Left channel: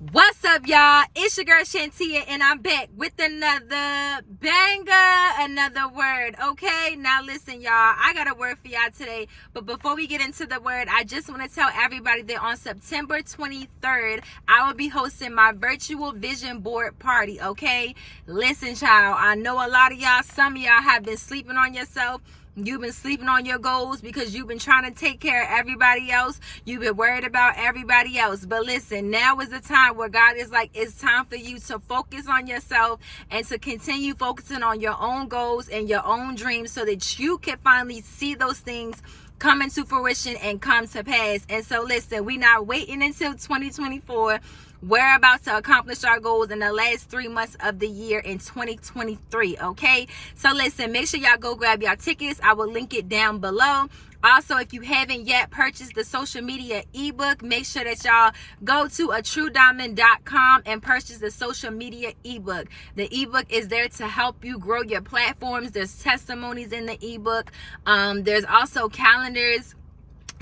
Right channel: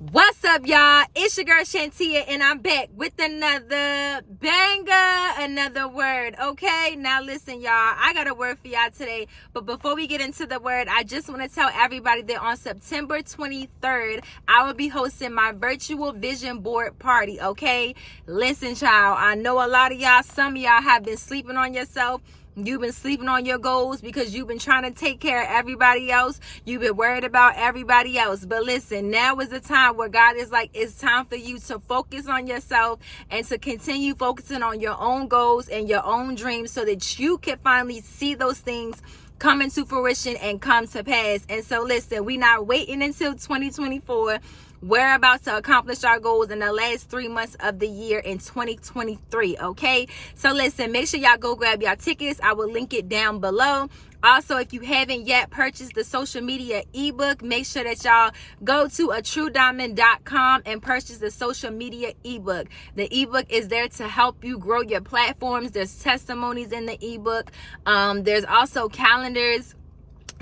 What's up, y'all? It's your girl Shantia, and I'm back with another banger, another word. Okay, now listen, y'all, I got a word for y'all today. But before we get into the word, I just want to tell everybody that on September 23rd, I will be hosting my virtual vision board party. Okay, listen, child, I know a lot of y'all, some of y'all have been sleeping on yourself. You've been sleeping on your goals because you've been trying to take care of everybody else. You've been worried about everybody else. But listen, now is the time where God is like, it's time for you to focus on yourself and to continue focusing on your own goals and your own dreams so that you can finally see those things come into fruition and come to pass. And so listen, we're not waiting until 2024. We're about to accomplish our goals in the last 3 months of the year in 2023. Okay, so listen, make sure y'all go grab your tickets. I will link it down below. Also, if you haven't yet purchased the social media ebook, make sure that y'all go to atruediamond.com and purchase the social media ebook. The ebook is there to help you grow your platforms. There's testimonies in the ebook. There's also calendars,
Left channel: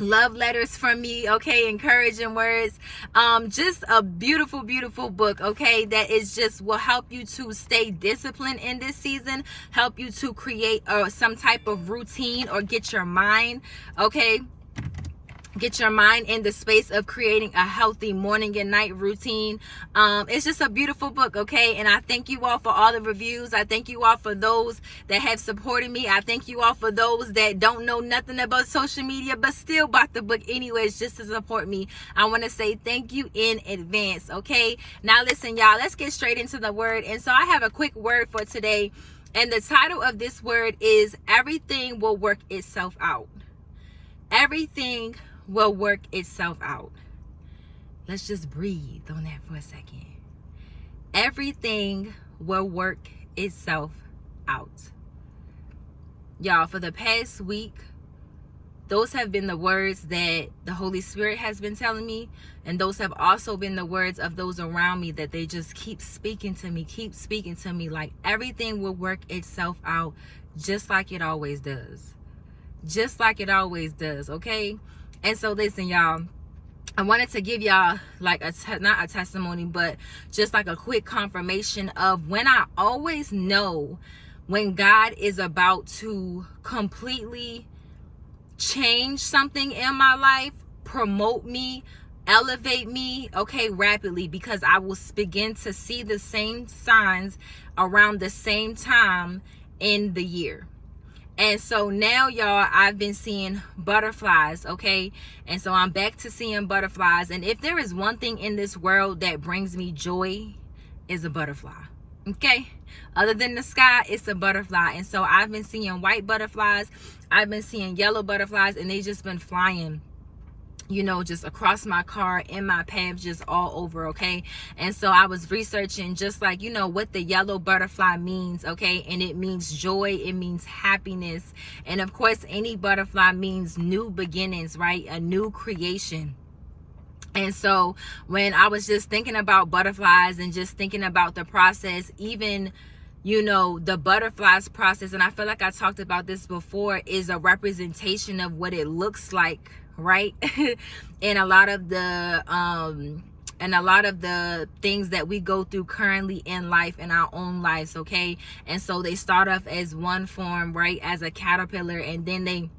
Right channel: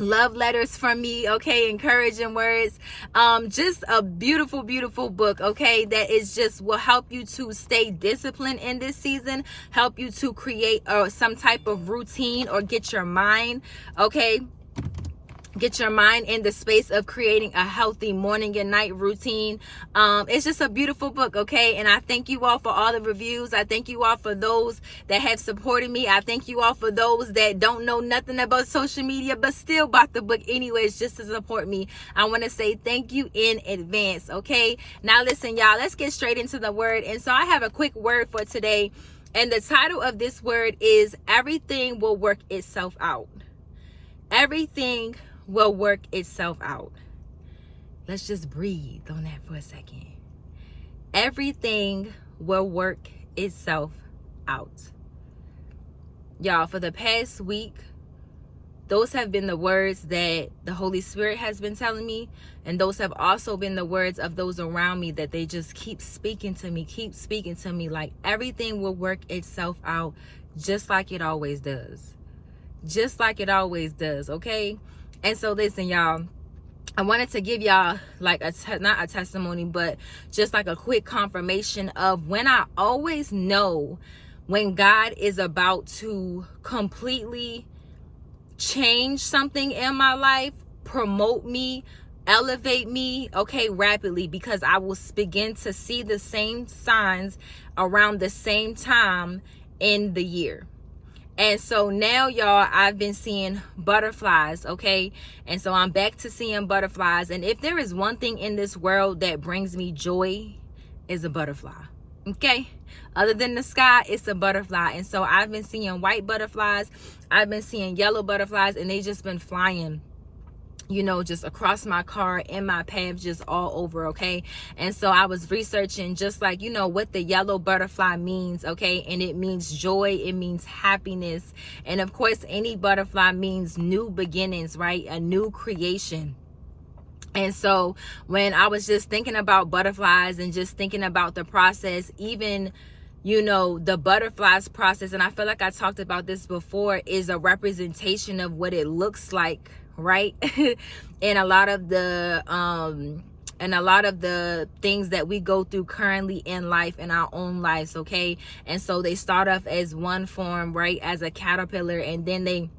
love letters from me, okay, encouraging words, just a beautiful book, okay, that is just will help you to stay disciplined in this season, help you to create some type of routine or get your mind, okay, get your mind in the space of creating a healthy morning and night routine. It's just a beautiful book, okay? And I thank you all for all the reviews. I thank you all for those that have supported me. I thank you all for those that don't know nothing about social media but still bought the book anyways just to support me. I want to say thank you in advance, okay? Now listen, y'all, let's get straight into the word. And so I have a quick word for today. And the title of this word is Everything Will Work Itself Out. Everything will work itself out. Let's just breathe on that for a second. Everything will work itself out. Y'all, for the past week, those have been the words that the Holy Spirit has been telling me, and those have also been the words of those around me that they just keep speaking to me like everything will work itself out just like it always does. Just like it always does, okay? And so listen, y'all, I wanted to give y'all like not a testimony, but just like a quick confirmation of when I always know when God is about to completely change something in my life, promote me, elevate me, okay, rapidly, because I will begin to see the same signs around the same time in the year. And so now, y'all, I've been seeing butterflies, okay? And so I'm back to seeing butterflies. And if there is one thing in this world that brings me joy, is a butterfly, okay? Other than the sky, it's a butterfly. And so I've been seeing white butterflies. I've been seeing yellow butterflies, and they just been flying, you know, just across my car, in my path, just all over, okay? And so I was researching just like, you know, what the yellow butterfly means, okay? And it means joy, it means happiness. And of course, any butterfly means new beginnings, right? A new creation. And so when I was just thinking about butterflies and just thinking about the process, even, you know, the butterflies process, and I feel like I talked about this before, is a representation of what it looks like, right? And a lot of the things that we go through currently in life, in our own lives, okay? And so they start off as one form, right, as a caterpillar, and then they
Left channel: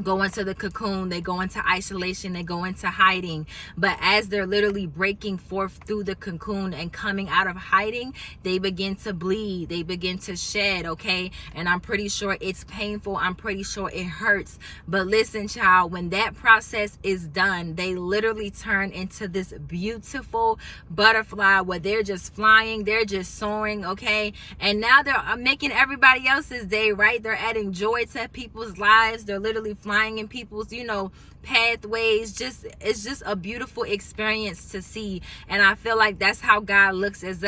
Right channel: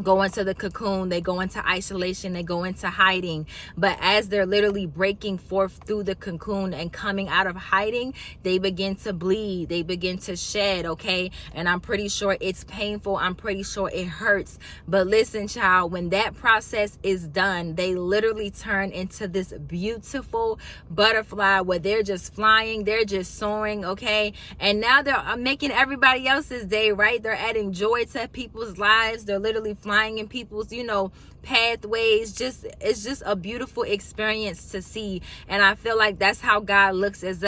go into the cocoon, they go into isolation, they go into hiding. But as they're literally breaking forth through the cocoon and coming out of hiding, they begin to bleed, they begin to shed, okay? And I'm pretty sure it's painful, I'm pretty sure it hurts. But listen, child, when that process is done, they literally turn into this beautiful butterfly where they're just flying, they're just soaring, okay? And now they're making everybody else's day, right? They're adding joy to people's lives. They're literally flying in people's, you know, pathways. It's just a beautiful experience to see. And I feel like that's how God looks at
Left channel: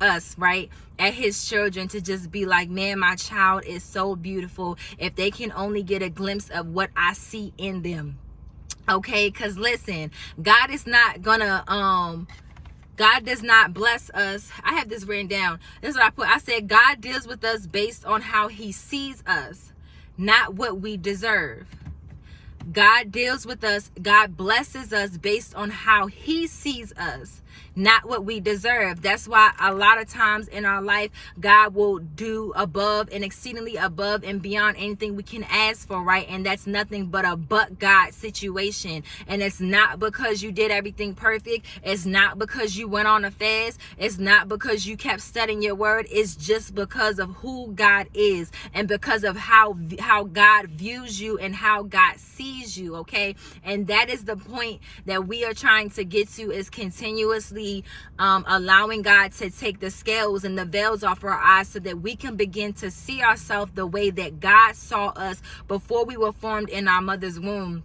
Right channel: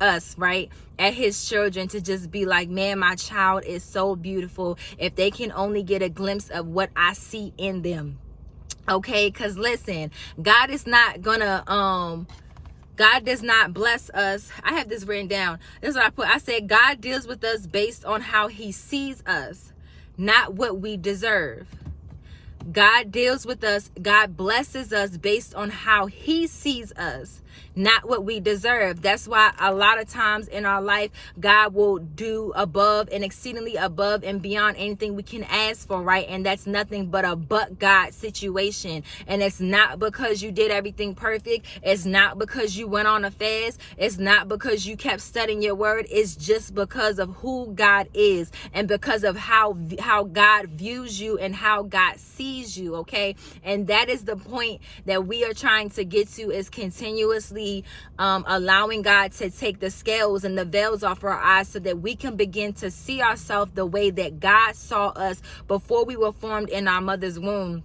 us, right, at his children, to just be like, man, my child is so beautiful. If they can only get a glimpse of what I see in them, okay? Because listen, God is not gonna God does not bless us. I have this written down. This is what I put. I said God deals with us based on how he sees us, not what we deserve. God deals with us. God blesses us based on how he sees us, not what we deserve. That's why a lot of times in our life, God will do above and exceedingly above and beyond anything we can ask for, right? And that's nothing but a but God situation. And it's not because you did everything perfect. It's not because you went on a fast. It's not because you kept studying your word. It's just because of who God is and because of how God views you and how God sees you, okay? And that is the point that we are trying to get to, is continuously allowing God to take the scales and the veils off our eyes so that we can begin to see ourselves the way that God saw us before we were formed in our mother's womb.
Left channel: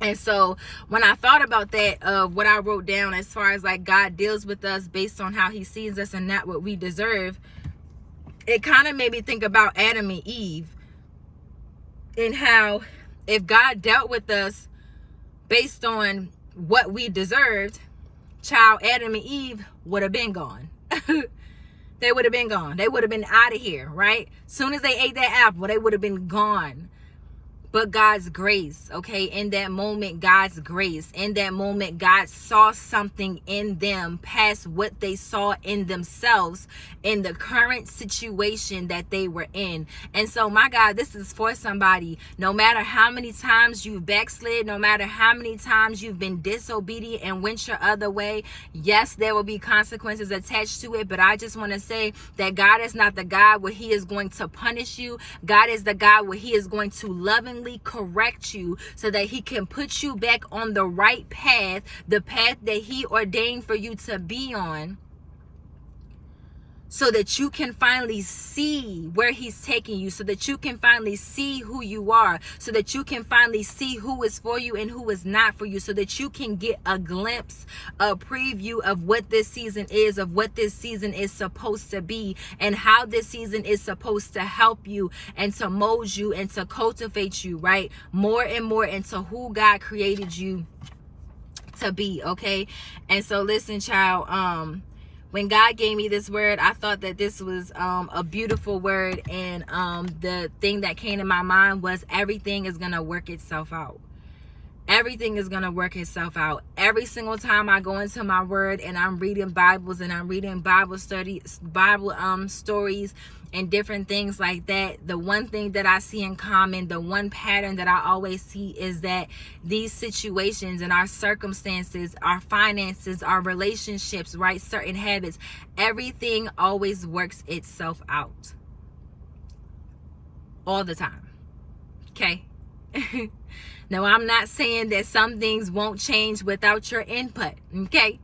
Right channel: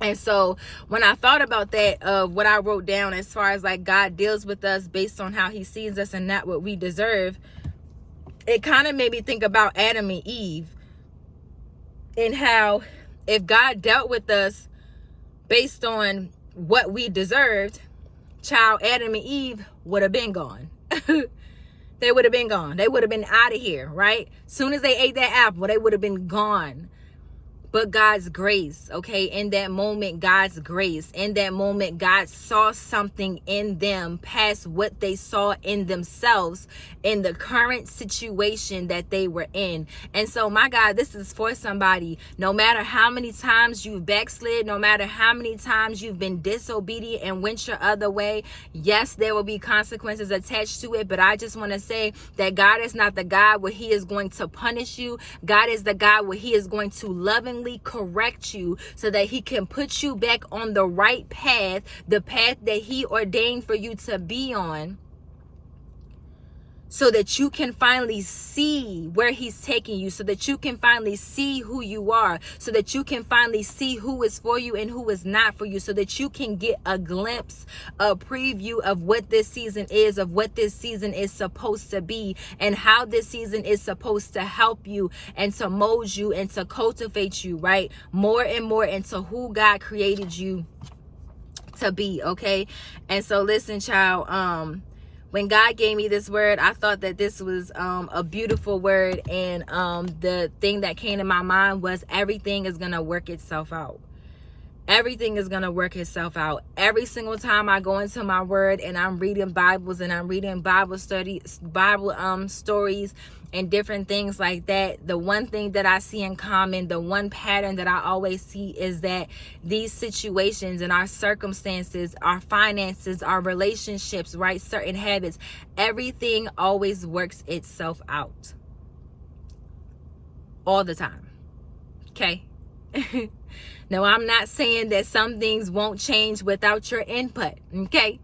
And so when I thought about that, what I wrote down as far as like God deals with us based on how he sees us and not what we deserve, it kind of made me think about Adam and Eve and how if God dealt with us based on what we deserved, child, Adam and Eve would have been gone. They would have been gone. They would have been out of here, right? Soon as they ate that apple, they would have been gone. But God's grace, okay, in that moment, God's grace, in that moment, God saw something in them past what they saw in themselves in the current situation that they were in. And so, my God, this is for somebody. No matter how many times you've backslid, no matter how many times you've been disobedient and went your other way, yes, there will be consequences attached to it. But I just want to say that God is not the God where he is going to punish you. God is the God where he is going to lovingly correct you so that he can put you back on the right path, the path that he ordained for you to be on, so that you can finally see where he's taking you, so that you can finally see who you are, so that you can finally see who is for you and who is not for you, so that you can get a glimpse, a preview of what this season is, of what this season is supposed to be, and how this season is supposed to help you and to mold you and to cultivate you, right? More and more into who God created you to be, okay? And so listen, child, when God gave me this word, I thought that this was a beautiful word. And the thing that came to my mind was everything is going to work itself out. Everything is going to work itself out. Every single time I go into my word and I'm reading Bibles and I'm reading Bible studies, Bible stories and different things like that, the one thing that I see in common, the one pattern that I always see is that these situations and our circumstances, our finances, our relationships, right, certain habits, everything always works itself out. All the time. Okay? Now, I'm not saying that some things won't change without your input, okay?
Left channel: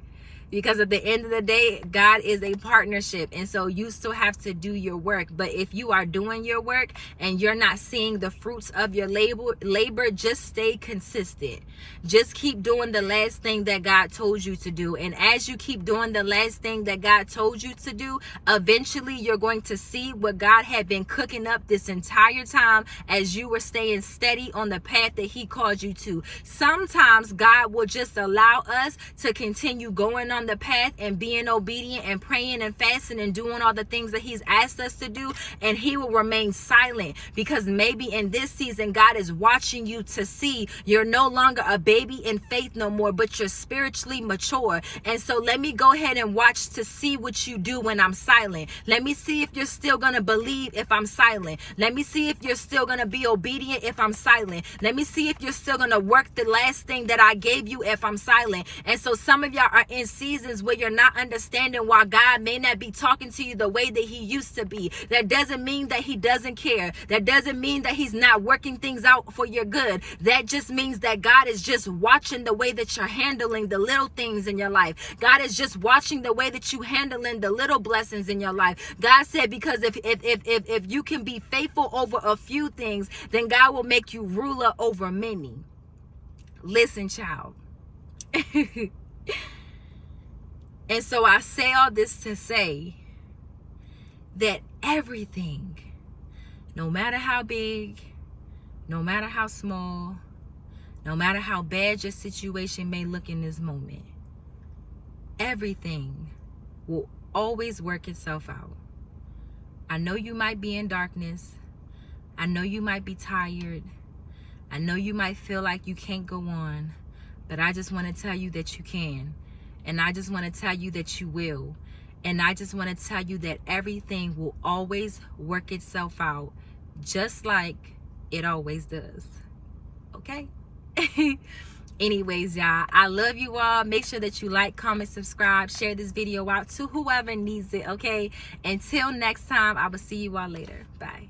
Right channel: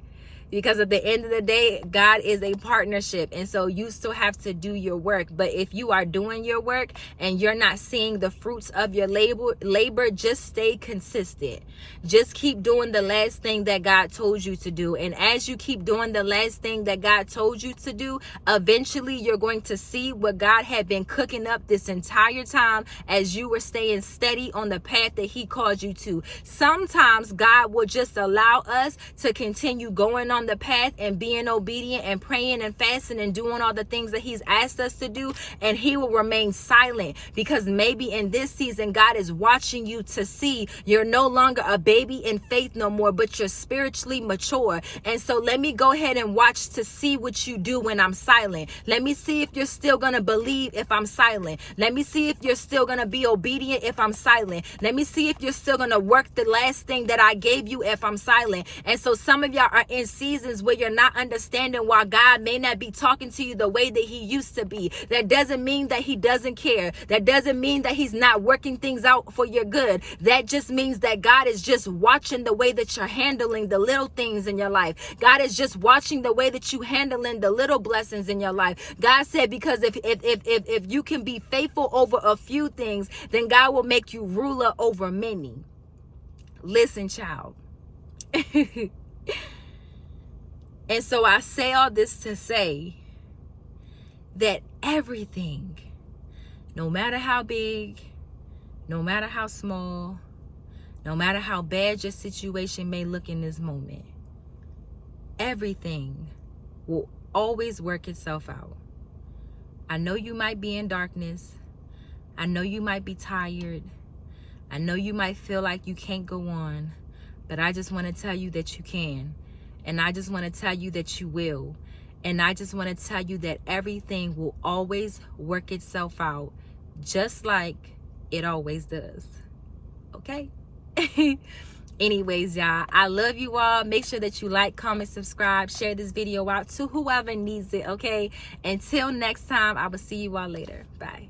Because at the end of the day, God is a partnership. And so you still have to do your work. But if you are doing your work and you're not seeing the fruits of your labor, just stay consistent. Just keep doing the last thing that God told you to do. And as you keep doing the last thing that God told you to do, eventually you're going to see what God had been cooking up this entire time as you were staying steady on the path that he called you to. Sometimes God will just allow us to continue going on the path and being obedient and praying and fasting and doing all the things that he's asked us to do, and he will remain silent because maybe in this season God is watching you to see you're no longer a baby in faith no more, but you're spiritually mature. And so let me go ahead and watch to see what you do when I'm silent. Let me see if you're still going to believe if I'm silent. Let me see if you're still going to be obedient if I'm silent. Let me see if you're still going to work the last thing that I gave you if I'm silent. And so some of y'all are in seasons where you're not understanding why God may not be talking to you the way that he used to be. That doesn't mean that he doesn't care. That doesn't mean that he's not working things out for your good. That just means that God is just watching the way that you're handling the little things in your life. God is just watching the way that you handling the little blessings in your life. God said, because if you can be faithful over a few things, then God will make you ruler over many. Listen, child. And so I say all this to say that everything, no matter how big, no matter how small, no matter how bad your situation may look in this moment, everything will always work itself out. I know you might be in darkness. I know you might be tired. I know you might feel like you can't go on, but I just want to tell you that you can. And I just want to tell you that you will. And I just want to tell you that everything will always work itself out, just like it always does. Okay? Anyways, y'all, I love you all. Make sure that you like, comment, subscribe, share this video out to whoever needs it, okay? Until next time, I will see you all later. Bye.